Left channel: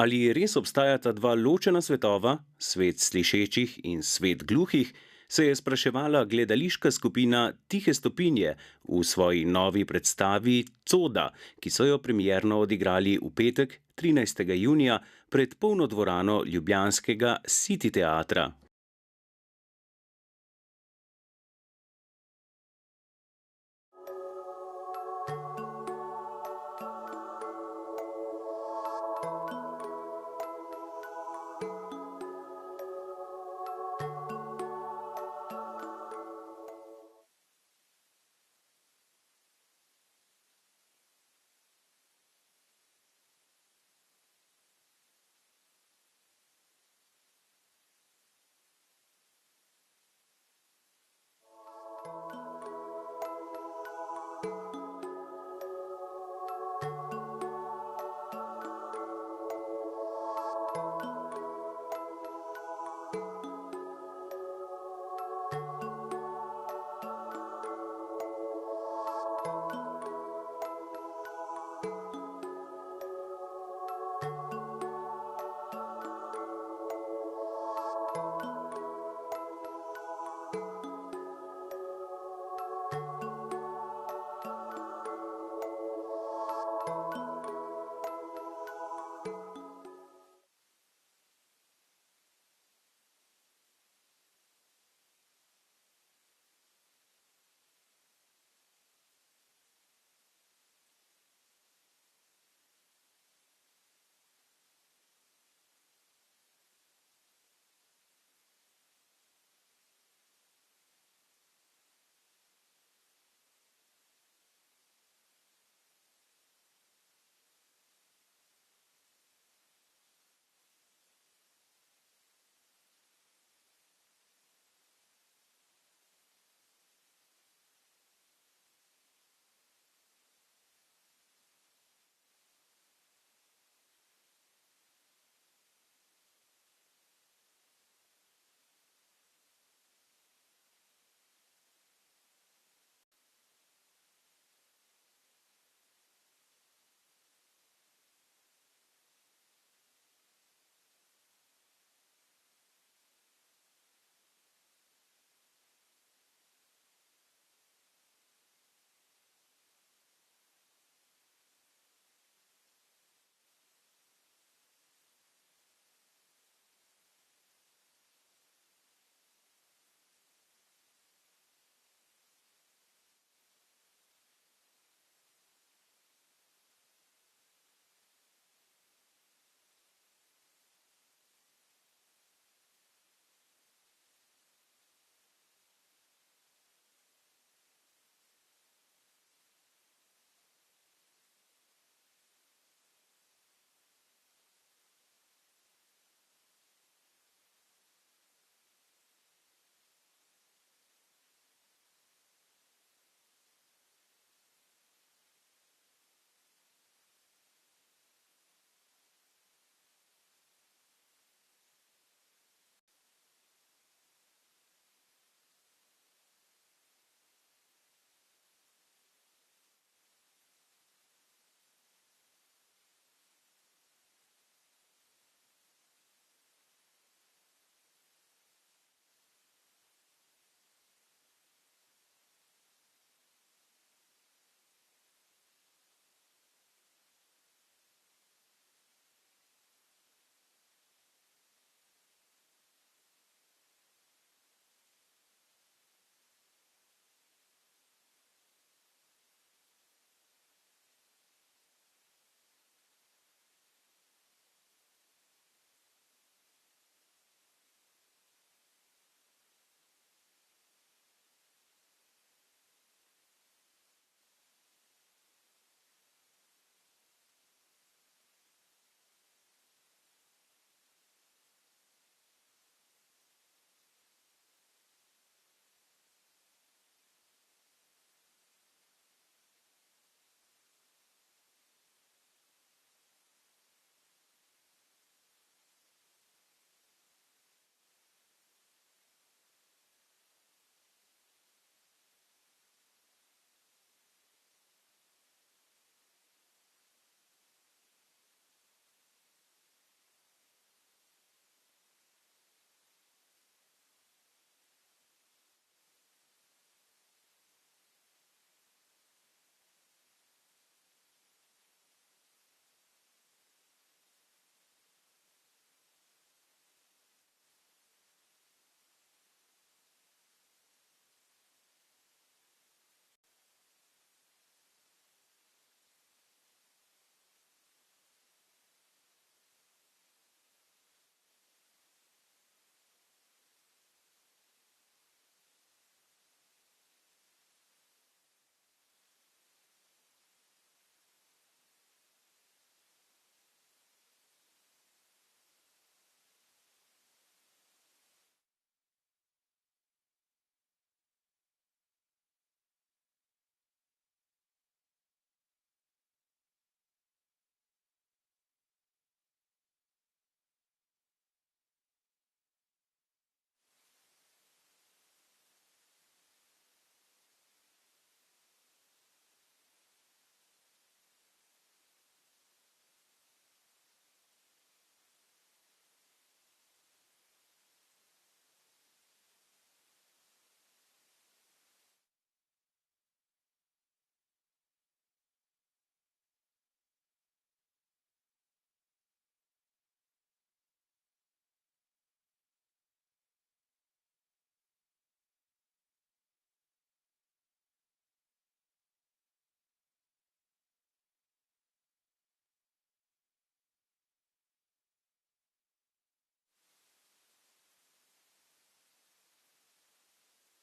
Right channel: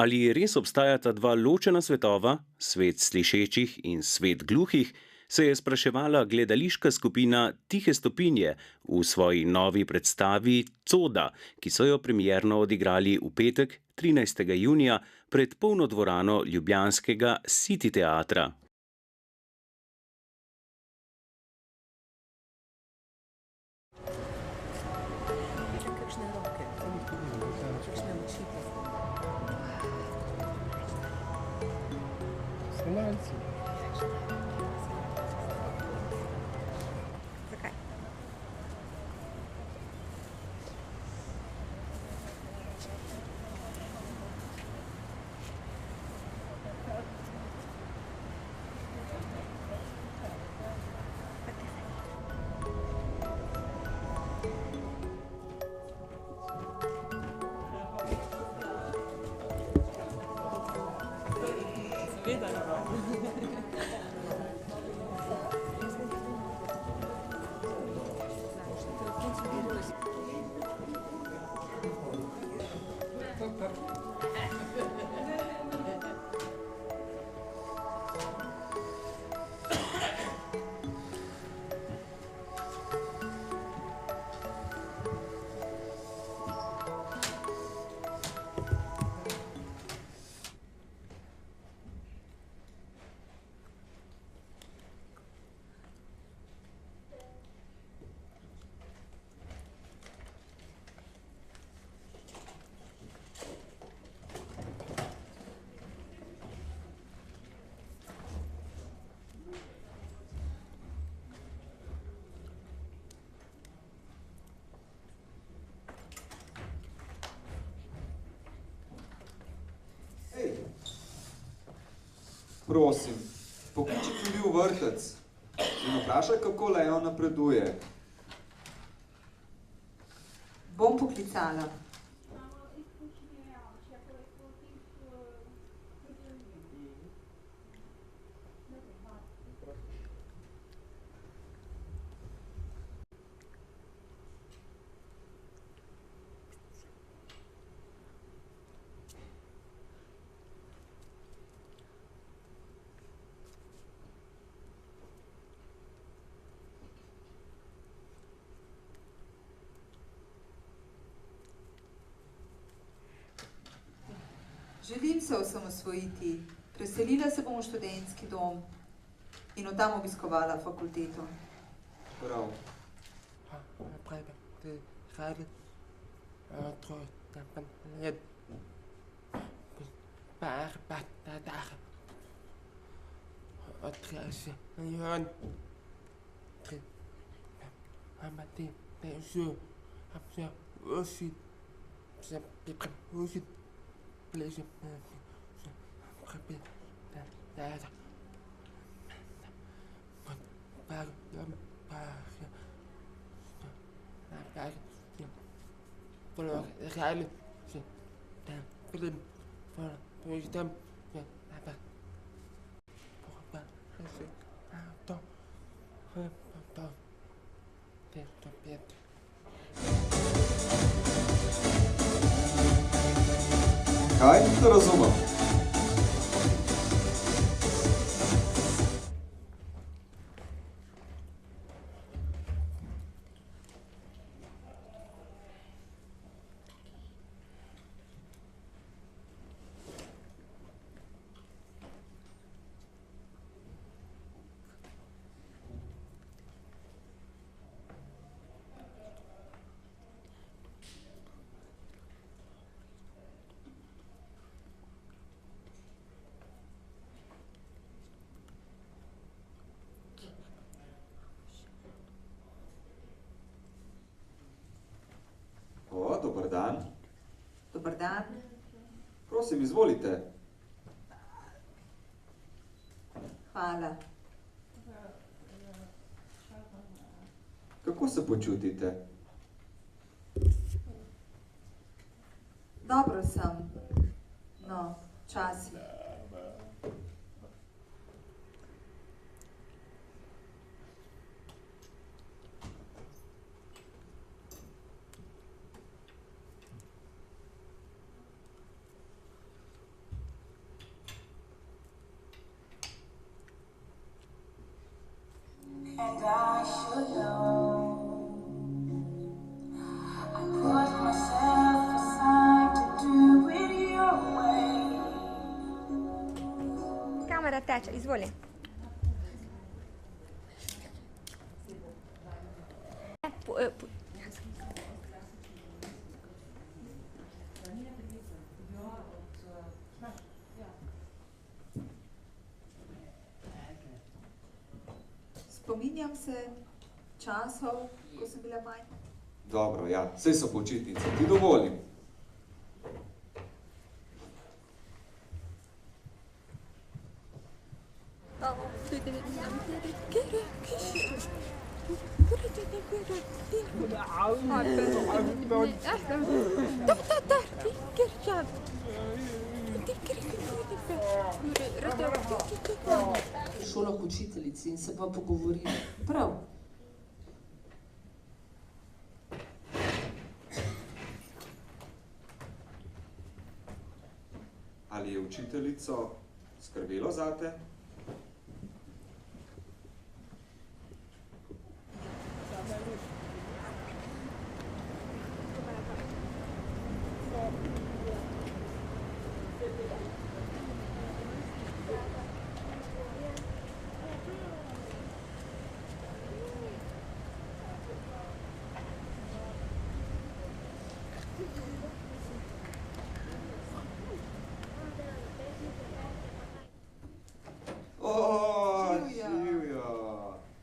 Ali res obstajata dva ločena svetova, svet slišečih in svet gluhih, se je spraševala gledališka skupina Tihe stopinje v svoji novi predstavi Coda, ki so jo premierno odigrali v petek, 13. junija, pred polno dvorano ljubljanskega City teatra. Prosim, pokliči tudi v vrtec in vprašaj, kako Leon napreduje. Bom poklicala. Želim se osamosvojiti. Preselila se bom v študentski dom in od tam obiskovala fakulteto. Prav. Kaj? Ne razumem. Dober dan. Dober dan. Prosim, izvolite. Hvala. Kako se počutite? Dobro sem. No, včasih. Izvoli. Spominjam se časov, ko sem bila majhna. Dobro, ja, saj so počitnice, ti dovolim. Šola k učiteljici in se pa pogovorili. Prav. Ali je učiteljico skrbelo zate?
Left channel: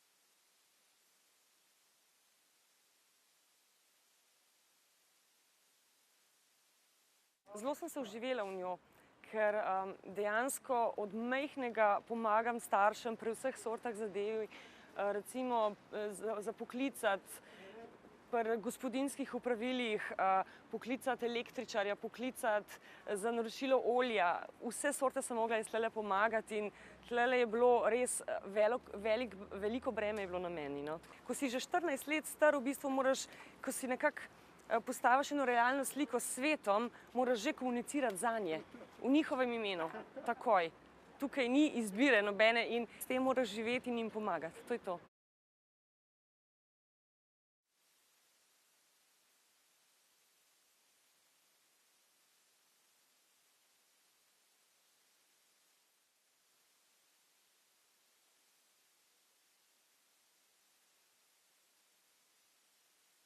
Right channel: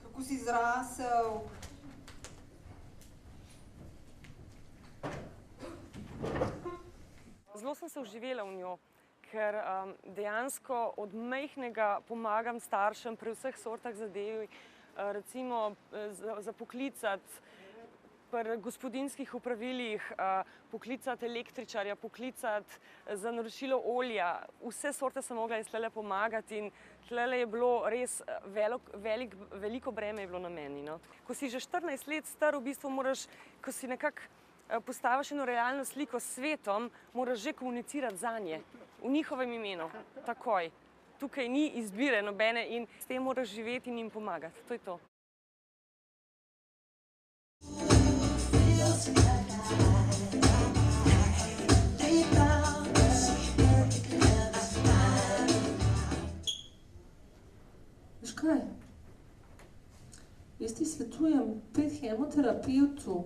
Kako si zrasel? Zelo sem se vživela v njo, ker dejansko od majhnega pomagam staršem pri vseh sortah zadev, recimo za poklicati pri gospodinjskih opravilih, poklicati električarja, poklicati za naročilo olja. Vse sorte sem mogla iz tlele pomagati in tlele je bilo res veliko breme je bilo na meni. No. Ko si že 14 let star, v bistvu moraš, ko si nekako postaviš eno realno sliko s svetom, moraš že komunicirati zanje, v njihovem imenu, takoj. Tukaj ni izbire nobene in s tem moraš živeti in jim pomagati. To je to. Veš kaj? Jaz ti svetujem, pet hemoterapevtu,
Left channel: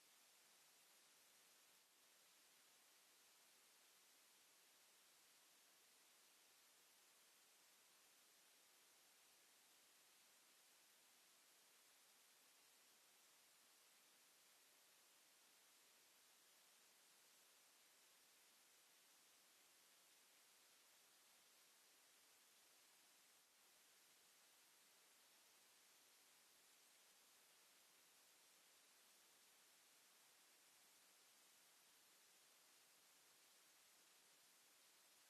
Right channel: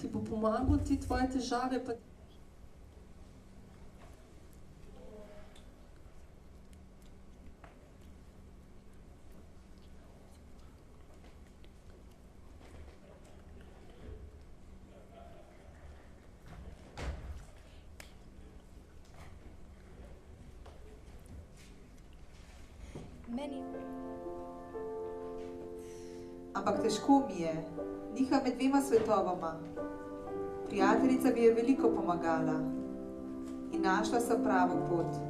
ti bo pomagal ti tvoje težave, pa Ampak težko mi je. Diha med dvema svetovama. Prijateljica mi je veliko pomagala in našla sem pravo pot.